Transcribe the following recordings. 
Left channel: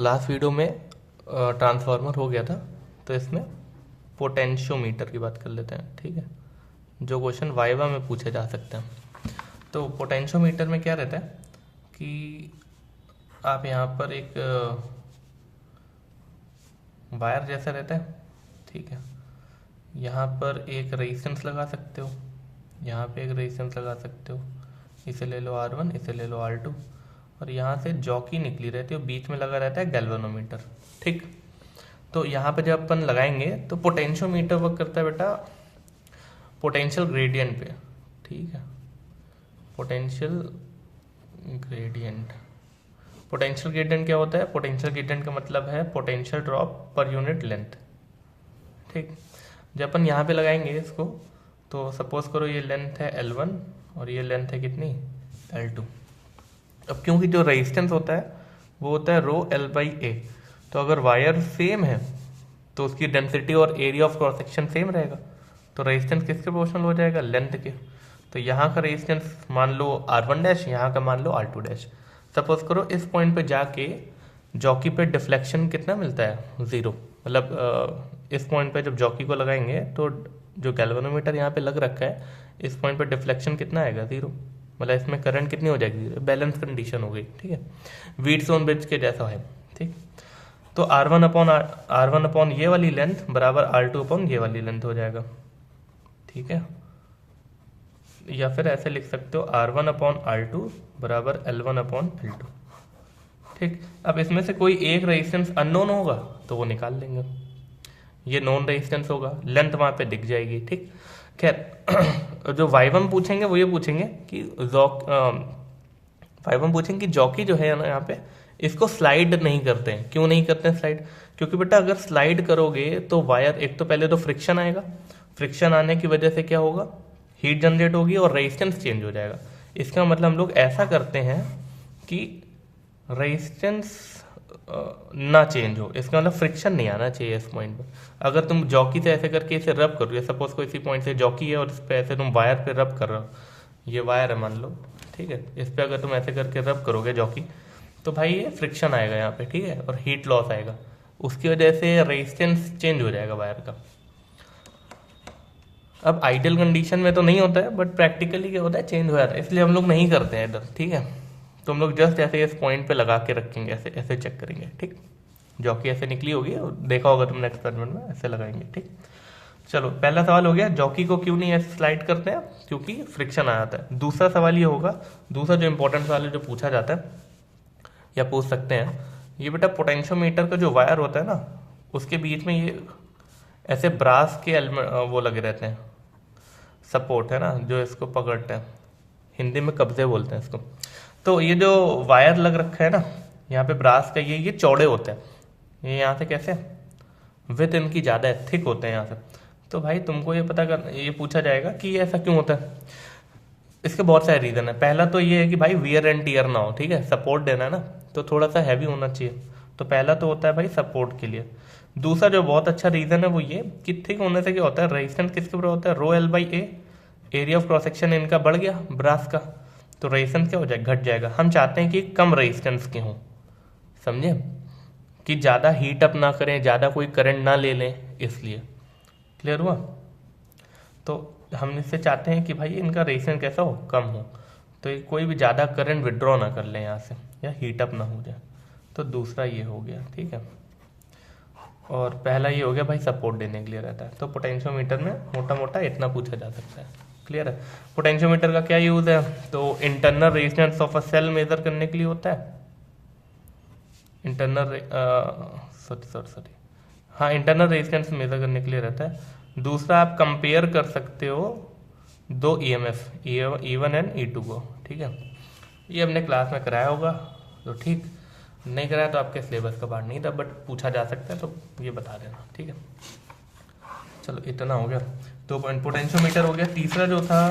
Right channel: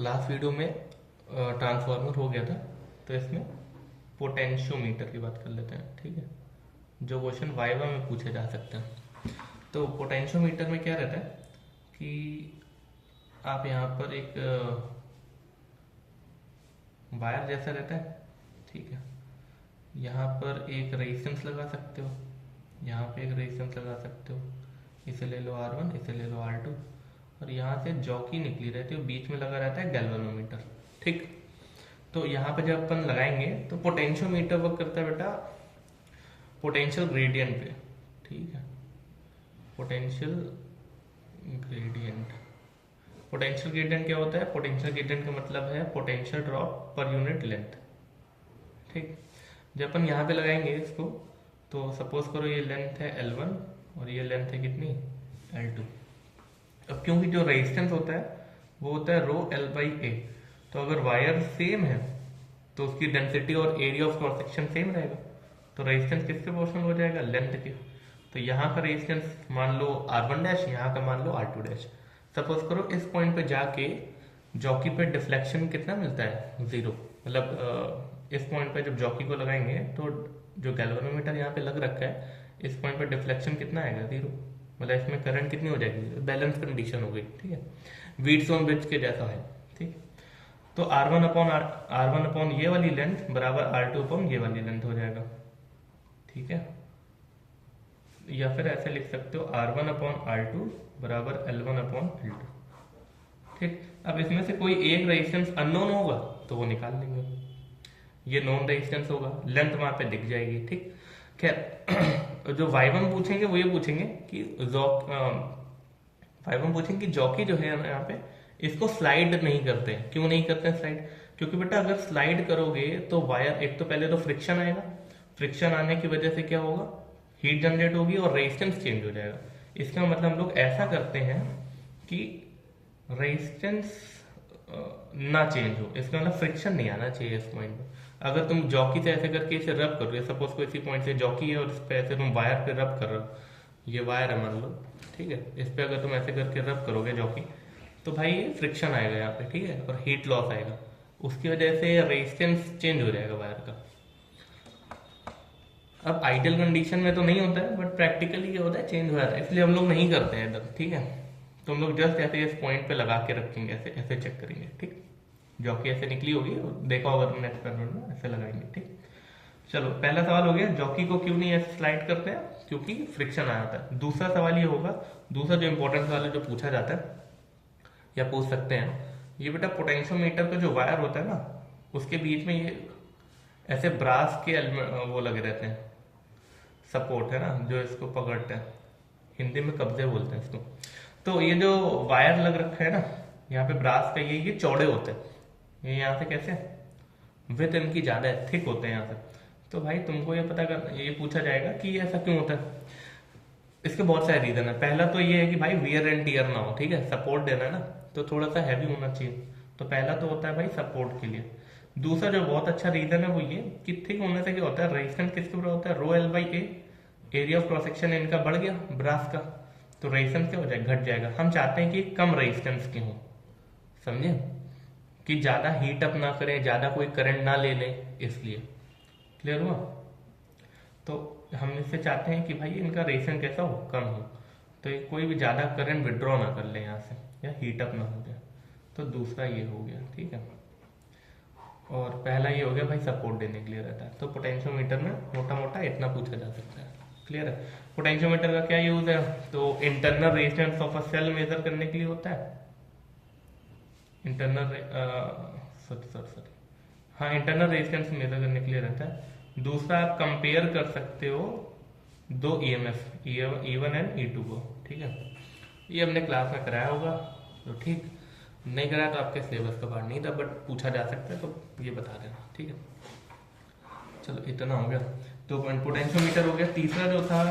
Last video में transformer हो गया था, तो इसमें पोटेंशियोमीटर की बात कर लेते हैं। ठीक है, जो क्वेश्चन वाइवा में पूछे जा सकते हैं। तो पोटेंशियोमीटर में क्या रहता है कि आप यहाँ पर एक वायर जैसा रहता है, ठीक है, यहाँ पर एक रेजिस्टेंस लगा सकते हो, यहाँ पे एक रेजिस्टेंस लगा सकते हो, इसे ले लो R1, इसे ले लो R2, और यहाँ से जॉकी निकली रहती है, बीच में लगा रहता है गैल्वेनोमीटर। ठीक, तो यहाँ पे जब अपन लगाएंगे तो पोटेंशियोमीटर वर्क करता है बेटा पोटेंशियल ग्रेडियंट पे। ठीक है, पोटेंशियल ग्रेडियंट। पोटेंशियल ग्रेडियंट क्या होता है? पोटेंशियल ग्रेडियंट का मतलब है potential drop per unit length. ठीक, जब अपन यहाँ पे लगाएंगे इसको, तो सपोज करो ये लेंथ है L1 और ये लेंथ है कितनी, L2। अब क्योंकि जो रेजिस्टेंस होता है वो होता है रो L बाई ए, तो अगर वायर सेम है तो उसकी डेंसिटी और area of cross section same रहेगा, तो रेजिस्टेंस किसके प्रोपोर्शनल हो जाएगा? लेंथ के। तो यहाँ का रेजिस्टेंस मान लो R1 डैश, यहाँ का मान लो R2 डैश। सपोज करो इस पॉइंट पे जाके जॉकी पे डिफ्लेक्शन कितना मिलता है? 0। मतलब इस पॉइंट पे जब जॉकी को लगाएंगे तो जो गैल्वेनोमीटर यहाँ पे लग रखा है, इस पॉइंट पे डिफ्लेक्शन कितना आएगा? 0। मतलब इसमें करंट कितनी हो जाएगी? बैलेंस कंडीशन हो गई। ठीक है, व्हीटस्टोन ब्रिज के जैसा है। ठीक, तो R1 अपॉन ये वाली लेंथ बराबर R2 अपॉन ये वाली लेंथ हो जाएगा। ठीक है, या फिर ऐसे लिख सकते हो R1 अपॉन R2 बराबर L1 अपॉन L2। ठीक, अब इसमें से कोई एक रेजिस्टेंस अननोन होगा तो वो निकाल लेंगे, ये नॉन रेजिस्टेंस होगा, लेंथ वहां पे दिख जाएगी। ठीक, खैर जो वाइवम पूछेंगे वो ये पूछेंगे कि वाइवम पूछेंगे कि जॉकी जो है ना यहाँ पे, इसको स्लाइड नहीं करते हैं। क्यों नहीं करते हैं स्लाइड? क्योंकि बेटा अगर स्लाइड करोगे तो वायर, एक तो पहले तो फ्रिक्शन आएगा, फ्रिक्शन आने की वजह से क्या होगा? हीट जनरेट होगी और रेजिस्टेंस चेंज हो जाएगा। इसका मतलब हम लोग ऐसा करते हैं कि रेजिस्टेंस ना चेंज हो, इसका मतलब फ्रिक्शन नहीं आना चाहिए इस पॉइंट पर। अगर तुम जॉकी से ऐसे करके इसे रब करोगे, सपोज को इसी पॉइंट से जॉकी है और इस पे ऐसे तुम वायर पे रब कर रहे हो, ये वायर है मान लो, ठीक है, इस पे अगर तुम ऐसे करके रब करोगे जॉकी, तो भाई ये फ्रिक्शन आएगा यहाँ पे, ठीक है, और हीट लॉस आएगा, उसकी वजह से रेजिस्टेंस चेंज हो जाएगा वायर का। अब आइडियल कंडीशन में तो नहीं होता है, बट प्रैक्टिकली क्या होता है? चेंज हो जाता है, इसलिए हम लोग नहीं करते हैं इधर। ठीक है, तो हम लोग जस्ट ऐसे इस पॉइंट पे लगा के रखेंगे, ऐसे ऐसे चेक करेंगे। ठीक, जॉकी ऐसे निकली होगी, देखा होगा तुमने एक्सपेरिमेंट में, ऐसे लगाएंगे। ठीक, चलो पहला सवाल हो गया, जॉकी को क्यों नहीं ऐसे स्लाइड करते हैं? क्योंकि फ्रिक्शन आ जाता है। दूसरा सवाल ये होगा, दूसरा जो इंपॉर्टेंट सवाल है जो पूछा जाता है या पूछ सकते हैं, ये बेटा पोटेंशियोमीटर का जो वायर होता है ना, उसके बीच में ये ऐसे ब्रास के वो लगे रहते हैं, सपोर्ट है ना, जो इसको पकड़ते हैं, हिंदी में कब्जे बोलते हैं इसको। तो ये जो वायर लग रखा है ना यहाँ पे ब्रास का, ये चौड़े होते हैं, ये यहाँ से कैसे विथ इनकी ज़्यादा है, थिक होते हैं यहाँ से। तो भाई तुमको ये पता कर, ये पूछा जाएगा कि ये ऐसा क्यों होता है। इसके बहुत सारे रीजन है। पहला तो ये है कि भाई वियर एंड टीयर ना हो, ठीक है, सपोर्ट देना है ना, तो थोड़ा सा हैवी होना चाहिए, तो पहला तो होता है भाई सपोर्ट के लिए। दूसरा जो बहुत अच्छा रीजन है वो ये कि थिक होने से क्या होता है, रेजिस्टेंस किसके ऊपर होता है? रो L by A, area of cross section इनका बढ़ गया ब्रास का, तो रेजिस्टेंस क्या हो जाएगा? घट जाएगा। हम चाहते हैं कि कम रेजिस्टेंस के हों, समझे, कि ज़्यादा हीट अप ना करें, ज़्यादा कोई करंट ना ले लें, इसलिए। क्लियर हुआ? तो हम इससे चाहते हैं कि भाई इनका रेजिस्टेंस कैसा हो? कम हो, तो ये कोई भी ज़्यादा करंट विड्रॉ ना कर ले यहाँ से, या हीट अप ना हो जाए। तो दूसरा ये हो गया, ठीक है, और पहला ये हो गया भाई सपोर्ट देने के लिए रहता है। तो पोटेंशियोमीटर में मोटा मोटा इतना पूछा जा सकता है। क्लियर है? पोटेंशियोमीटर का क्या यूज है? तो internal resistance of a cell measure करने के लिए होता है, इंटरनल सॉरी हाँ, इंटरनल रेजिस्टेंस मेजर करने के लिए रहता है। दूसरा आप कंपेयर कर सकते हो दो EMF, E1 एंड E2 को। ठीक है, ये हमने क्लास में कराया होगा, तो ठीक, नहीं कराया तो आपके सिलेबस का पार्ट नहीं था, बट पूछा जा सकता है, तो ये बता देना। ठीक है, चलो इतना हो गया। तो पोटेंशियोमीटर हो गया। तीसरा जो था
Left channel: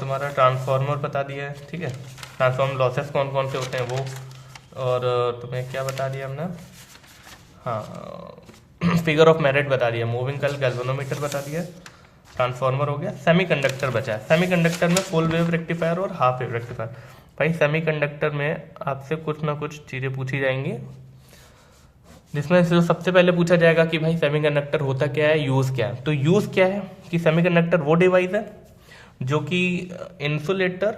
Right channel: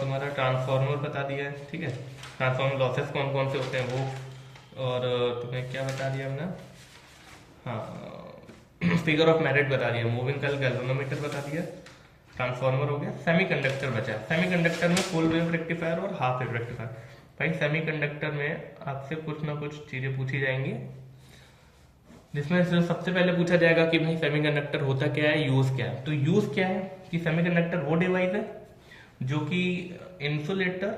तुम्हारा ट्रांसफार्मर बता दिया है। ठीक है, ट्रांसफार्मर लॉसेस कौन कौन से होते हैं वो, और तुम्हें क्या बता दिया हमने, हाँ, फिगर ऑफ मेरिट बता दिया, मूविंग कॉइल गैल्वेनोमीटर बता दिया, ट्रांसफार्मर हो गया। सेमीकंडक्टर बचा है। सेमीकंडक्टर में फुल वेव रेक्टिफायर और हाफ वेव रेक्टिफायर। भाई सेमीकंडक्टर में आपसे कुछ ना कुछ चीज़ें पूछी जाएंगी, जिसमें जो सबसे पहले पूछा जाएगा कि भाई सेमीकंडक्टर होता क्या है, यूज क्या है। तो यूज क्या है कि सेमीकंडक्टर वो डिवाइस है जो कि इंसुलेटर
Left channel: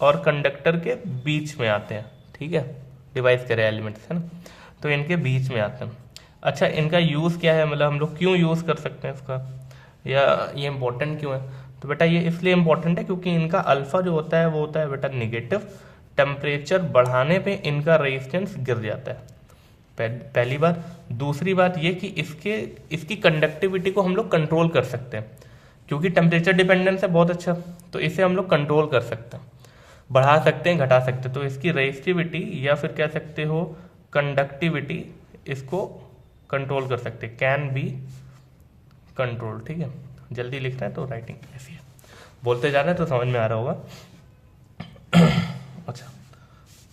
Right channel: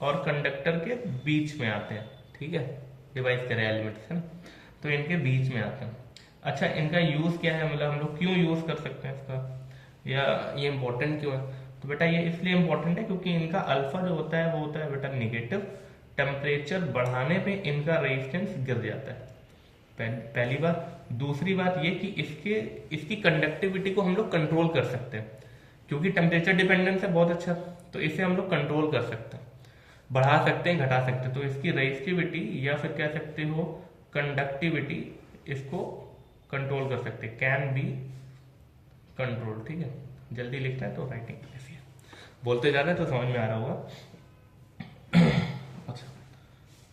और कंडक्टर के बीच में आते हैं, ठीक है, डिवाइस के एलिमेंट्स है ना, तो इनके बीच में आते हैं। अच्छा, इनका यूज क्या है, मतलब हम लोग क्यों यूज कर सकते हैं इसका, या ये इंपॉर्टेंट क्यों है। तो बेटा ये इसलिए इंपॉर्टेंट है क्योंकि इनका अल्फा जो होता है वो होता है बेटा निगेटिव, टेम्परेचर बढ़ाने पे इनका रेजिस्टेंस गिर जाता है, पहली बात। दूसरी बात ये कि इसकी कंडक्टिविटी को हम लोग कंट्रोल कर सकते हैं क्योंकि टेम्परेचर डिपेंडेंस है बहुत अच्छा, तो इसे हम लोग कंट्रोल कर सकते हैं, बढ़ा सकते हैं, घटा सकते हैं। तो इसकी रेजिस्टिविटी या फिर कह सकते हो कंडक्टिविटी, इसको कंट्रोल कर सकते हैं, कैन बी कंट्रोल, ठीक है। जल्दी लिख रहे हैं तो राइटिंग ऐसी है, बोलते जा रहे हैं तो समझ में आ रहा होगा। अच्छा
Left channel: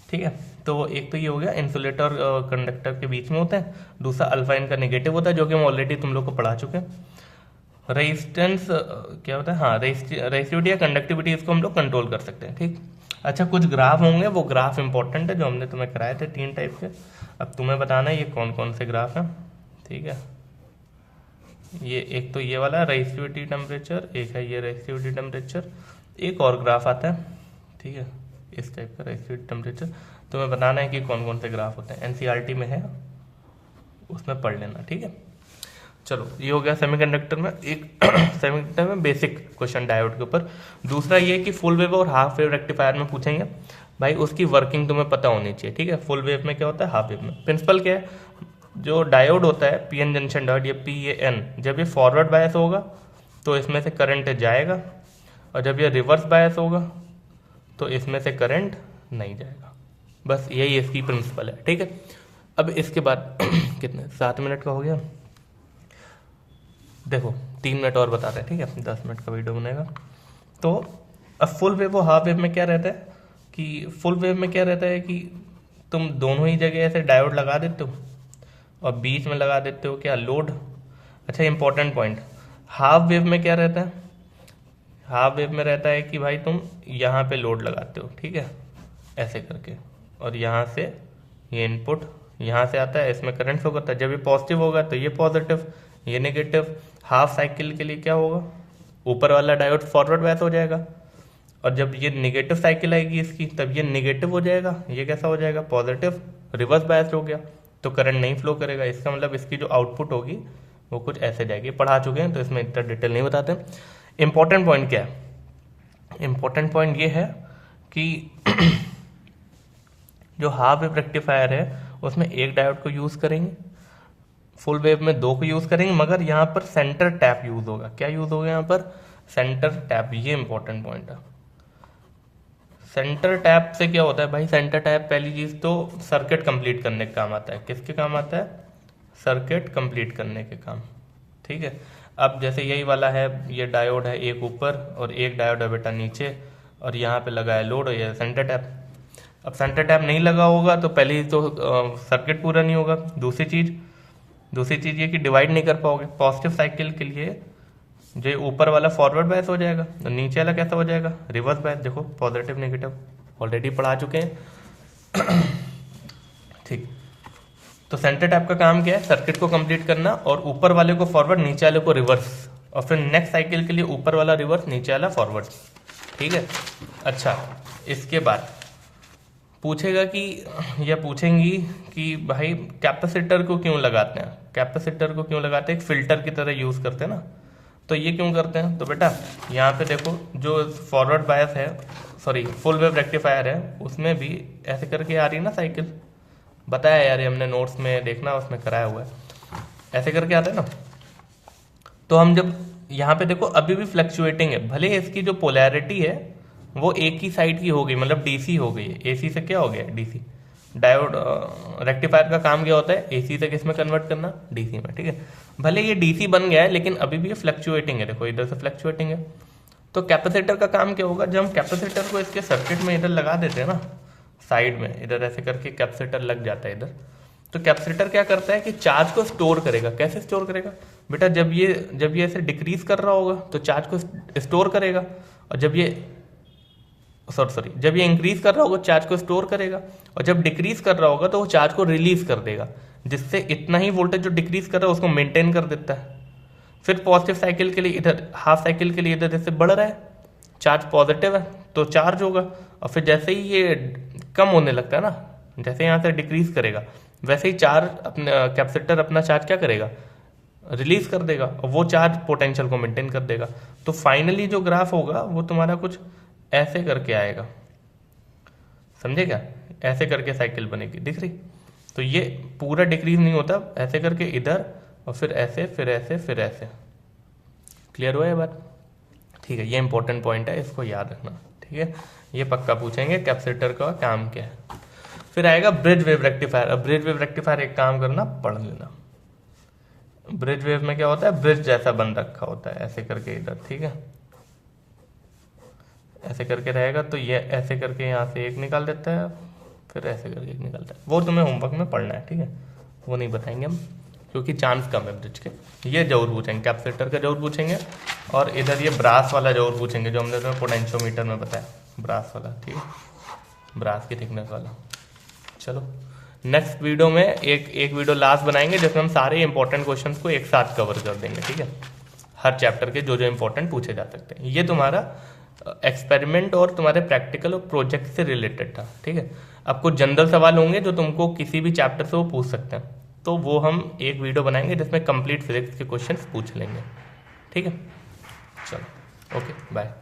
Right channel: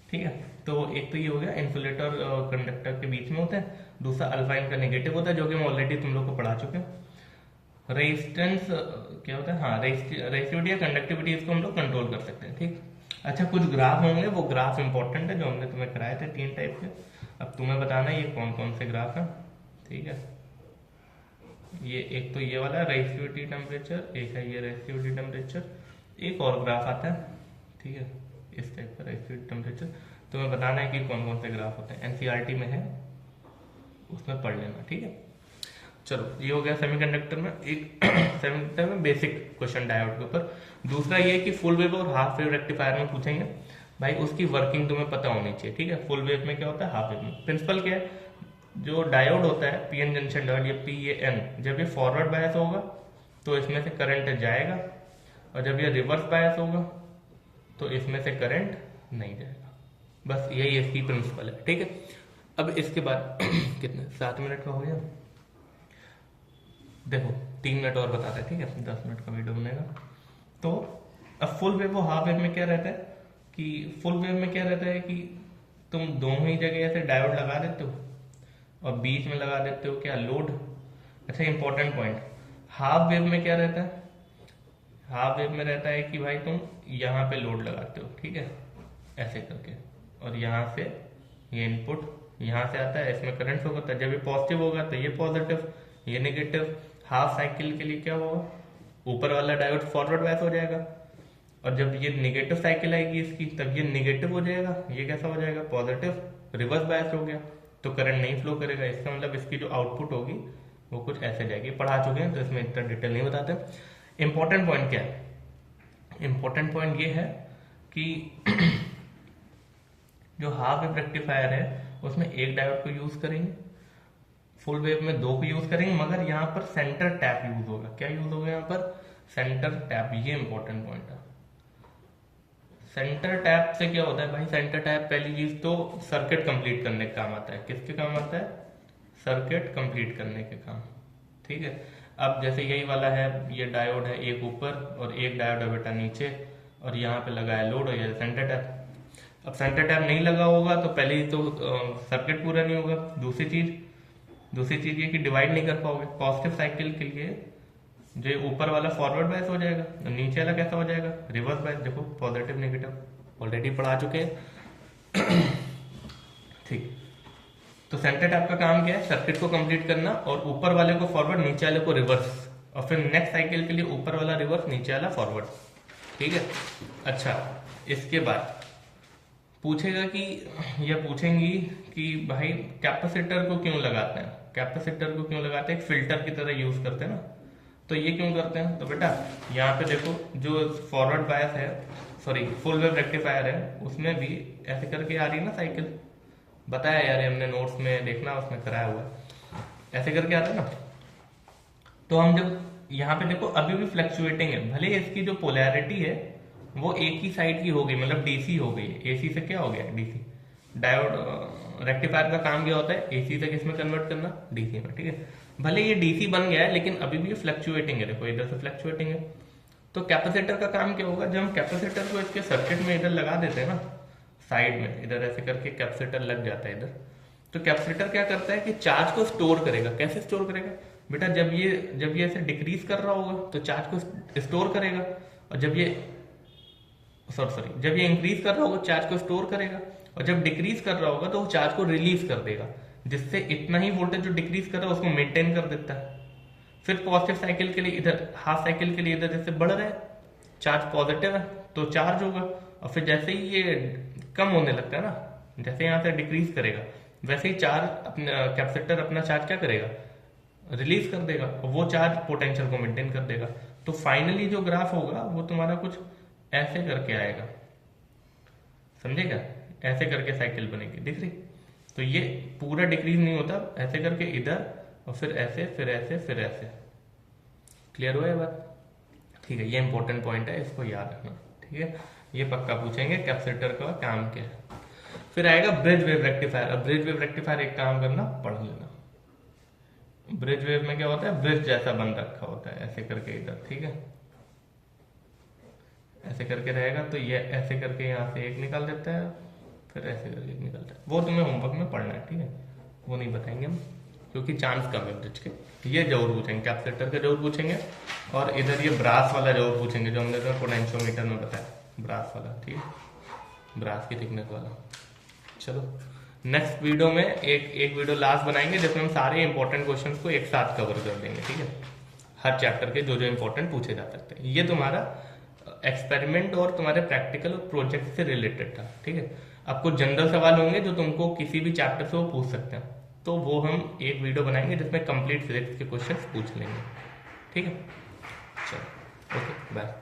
ठीक है, तो एक तो ये हो गया इंसुलेटर और कंडक्टर के बीच में होते हैं, दूसरा अल्फा इनका नेगेटिव होता है जो कि हम ऑलरेडी तुम लोग को पढ़ा चुके हैं। रेजिस्टेंस क्या होता है, हाँ रेजिस्टिविटी या कंडक्टिविटी, इसको हम लोग कंट्रोल कर सकते हैं, ठीक। अच्छा, कुछ ग्राफ होंगे, वो ग्राफ इंपॉर्टेंट है जो हमने तुम्हें कराए थे 3 टाइप के। अब तुम्हें बताना है ये कौन कौन से ग्राफ हैं, ठीक है। ये एक तो ये वाला रेजिस्टिविटी टेम्परेचर, एक है ये रेजिस्टिविटी टेम्परेचर, एक और ग्राफ आता है, ठीक है, इस टाइप का रेजिस्टिविटी टेम्परेचर। तुम्हें बताना है कि कौन कौन से ग्राफ होते हैं, एनसीईआरटी में है, उसमें पढ़ लेना, ठीक है। चलो ये हो गया सेमीकंडक्टर में, एक सेमीकंडक्टर में बेसिक क्वेश्चन डायोड के ऊपर। दूसरा ये कि फुल वेव और हाफ वेव रेक्टिफायर में पूछेंगे, भाई उसकी वर्किंग तुम्हें पता होनी चाहिए, ठीक है। फुल वेव में क्या होता है, हाफ वेव में प्रिंसिपल क्या है, जो डायोड होता है पीएन जंक्शन डायोड, ये PAN, जब ये फॉरवर्ड बायस होगा तो इसमें से करंट जाएगा, और जब ये रिवर्स बायस होगा तो इसमें से करंट नहीं जाएगा। बस यही इसकी प्रिंसिपल है, ठीक है। अब इसके बाद कितने 7 मिनट का हो गया, देखो 3 मिनट और बता रहे हैं, ठीक है, 10 मिनट का वीडियो बनेगा। तो अब फुल वेव और हाफ वेव में क्या रहता है कि फुल वेव में क्या रहता है कि तुम दोनों ही जगह ऐसे डायोड लगा देते हो और बीच में लगा देते हो क्या, लोड। अच्छा इंपॉर्टेंट पॉइंट, हाफ वेव में क्या रहता है, हाफ वेव में रहता है कि भाई तुम यहाँ पे लोड लगाते हो, ठीक है, ऐसे करके, और यहाँ से ये इनपुट यहाँ से आता है, इसमें करंट फ्लो करता है। जब ये पॉजिटिव होगा तो ये पॉजिटिव, ये नेगेटिव। हाफ साइकिल के लिए क्या होगा, ऊपर वाला डायोड फॉरवर्ड बायस हो जाएगा, और जब ये नेगेटिव साइकिल आएगी इसकी तब ये नेगेटिव हो जाएगा, ये कैसा हो जाएगा, पॉजिटिव, रिवर्स बायस हो गया, तो करंट नहीं फ्लो करेगा। इसका मतलब इसकी जो आउटपुट होगी वो कुछ ऐसे जाएगी। पढ़ा चुके हैं तो इसमें इतना डिटेल नहीं बताते। इंपॉर्टेंट पॉइंट क्या है, इंपॉर्टेंट पॉइंट ये है कि जो हाफ वेव रेक्टिफायर है उसमें एक डायोड को यूज करेंगे, फुल वेव में 2 को यूज करेंगे, मगर यहाँ पर सेंटर टैप यूज होगा। क्या यूज होगा यहाँ पर, सेंटर टैप, ये इंपॉर्टेंट पॉइंट है। सेंटर टैप से क्या होता है भाई, सेंटर टैप पहली चीज तो सर्किट कंप्लीट करने के काम आता है। किसके काम आता है, सर्किट कंप्लीट करने के काम, ठीक है। अब जैसे यही वाला है, ये डायोड है एक ऊपर और एक डायोड है बेटा नीचे, और यहाँ पे लगा है लोड, ये सेंटर टैप। अब सेंटर टैप नहीं लगा होगा तो पहले तो सर्किट पूरा नहीं होगा। दूसरी चीज ये कि डिवाइड नहीं कर पाओगे। पॉजिटिव साइकिल के लिए जो ऊपर वाला फॉरवर्ड बायस हो जाएगा, तो नीचे वाला कैसा हो जाएगा, रिवर्स बायस। देखो पॉजिटिव नेगेटिव ऑलरेडी पढ़ा चुके हैं, ठीक। तो सेंटर टैप का काम क्या है, सर्किट को कंप्लीट करना, और ऊपर वाले को फॉरवर्ड, नीचे वाले को रिवर्स, और फिर नेक्स्ट साइकिल के लिए ऊपर वाला रिवर्स, नीचे वाला फॉरवर्ड, ठीक है। अच्छा, इसके बाद पूछेगा कि, या पूछेंगी कि भाई कैपेसिटर को क्यों लगाते हैं, कैपेसिटर को क्यों लगाते हैं, एक फिल्टर की तरह यूज करते हैं ना, तो ये क्यों करते हैं। तो बेटा यहाँ पे देखो, जो फॉरवर्ड बायस है, सॉरी फुल वेव रेक्टिफायर है, उसमें भी ऐसे करके आ रही है ना साइकिल, बताया यार ये हमने नोट्स में, देखना उसमें कराया हुआ है, ऐसे करके आता है ना। तो हम जब यहाँ पे देखो अभी भी फ्लक्चुएटिंग है, भले इसकी जो पोलैरिटी है वो एक ही साइड की हो गई, मतलब डीसी हो गई, एसी से क्या हो गया, डीसी। डायोड रेक्टिफायर का काम क्या होता है, एसी से किस में कन्वर्ट करना, डीसी में, ठीक है। भले ये डीसी बन गया है लेकिन अभी भी फ्लक्चुएटिंग है, देखो इधर से फ्लक्चुएटिंग है। तो कैपेसिटर का काम क्या होगा, जब हम कैपेसिटर को इसके सर्किट में इधर लगा देते हैं ना, साइड में इधर ऐसे करके कैपेसिटर लग जाता है इधर, तो कैपेसिटर क्या करता है कि चार्ज को स्टोर करेगा। कैसे स्टोर करेगा बेटा, जब ये ऐसे डिक्रीज कर रहा होगा तो चार्ज को स्टोर करेगा, और जब ये इंक्रीज कर रहा होगा चार्ज को स्टोर करेगा, और जब डिक्रीज कर रहा होगा तो वो चार्ज को रिलीज कर देगा। जिससे इतना ही वोल्टेज जो डिक्रीज कर रहा है उसको मेंटेन कर देता है। फिर पॉजिटिव साइकिल के लिए इधर, हाफ साइकिल के लिए इधर जैसे बढ़ रहा है, चार्ज पॉजिटिव है तो चार्ज होगा, और फिर जैसे ही ये कम होने लगता है ना, जैसे यहाँ से डिक्रीज करेगा, वैसे ही चार्ज अपना कैपेसिटर अपना चार्ज क्या करेगा, रिलीज कर देगा, और वो चार्ज पोटेंशियल को मेंटेन कर देगा। तो फाइनली जो ग्राफ होगा वो तुम्हारा कुछ ऐसे करके आएगा, समझे क्या, ऐसे करके साइकिल बनेगी, दिख रही। तो ये पूरा डिक्रीज नहीं होता, ऐसे करके इधर, और फिर ऐसे, फिर ऐसे, फिर ऐसे। क्लियर हुआ है बात? ठीक है, ये इंपॉर्टेंट पॉइंट है, इसको याद रखना। ठीक है, ये पक्का पूछेंगे कैपेसिटर का काम क्या है। फिर आएगा ब्रिज वेव रेक्टिफायर। अब ब्रिज वेव रेक्टिफायर एक काम करना, पढ़ लेना। ब्रिज वेव में क्या होता है, ब्रिज जैसा बन रखा होता है ऐसे करके इधर, ठीक है, ऐसे करके रहेगा। तो ये ऐसे करके यहाँ से एक निकाल देता है, फिर ऐसे करके एक निकालता है। वो तुम्हें होमवर्क में पढ़ना है, ठीक है, वो नहीं बताएंगे हम, क्योंकि चांस कम है ब्रिज के। ये जरूर पूछेंगे, कैपेसिटर का जरूर पूछेंगे, और इधर ये ब्रास वाला जरूर पूछेंगे, जो हमने तुम्हें पोटेंशियोमीटर में बताया, ब्रास वाला, ठीक है, ब्रास की थिकनेस वाला। चलो नेक्स्ट वीडियो में एक वीडियो लास्ट बनाएंगे जिसमें हम सारे इंपॉर्टेंट क्वेश्चंस को एक साथ कवर कर देंगे, ठीक है, हर चैप्टर के जो जो इंपॉर्टेंट पूछे जा सकते हैं। ये तुम्हारा एक्सपेरिमेंट और तुम्हारे प्रैक्टिकल और प्रोजेक्ट से रिलेटेड था, ठीक है। अब कुछ जनरल सवाल होंगे जो तुमको किसी भी चैप्टर से वो पूछ सकते हैं, तो वो हम एक वीडियो बनाएंगे जिसमें कंप्लीट फिजिक्स के क्वेश्चंस पूछ लेंगे, ठीक है। चलो, ओके, बाय।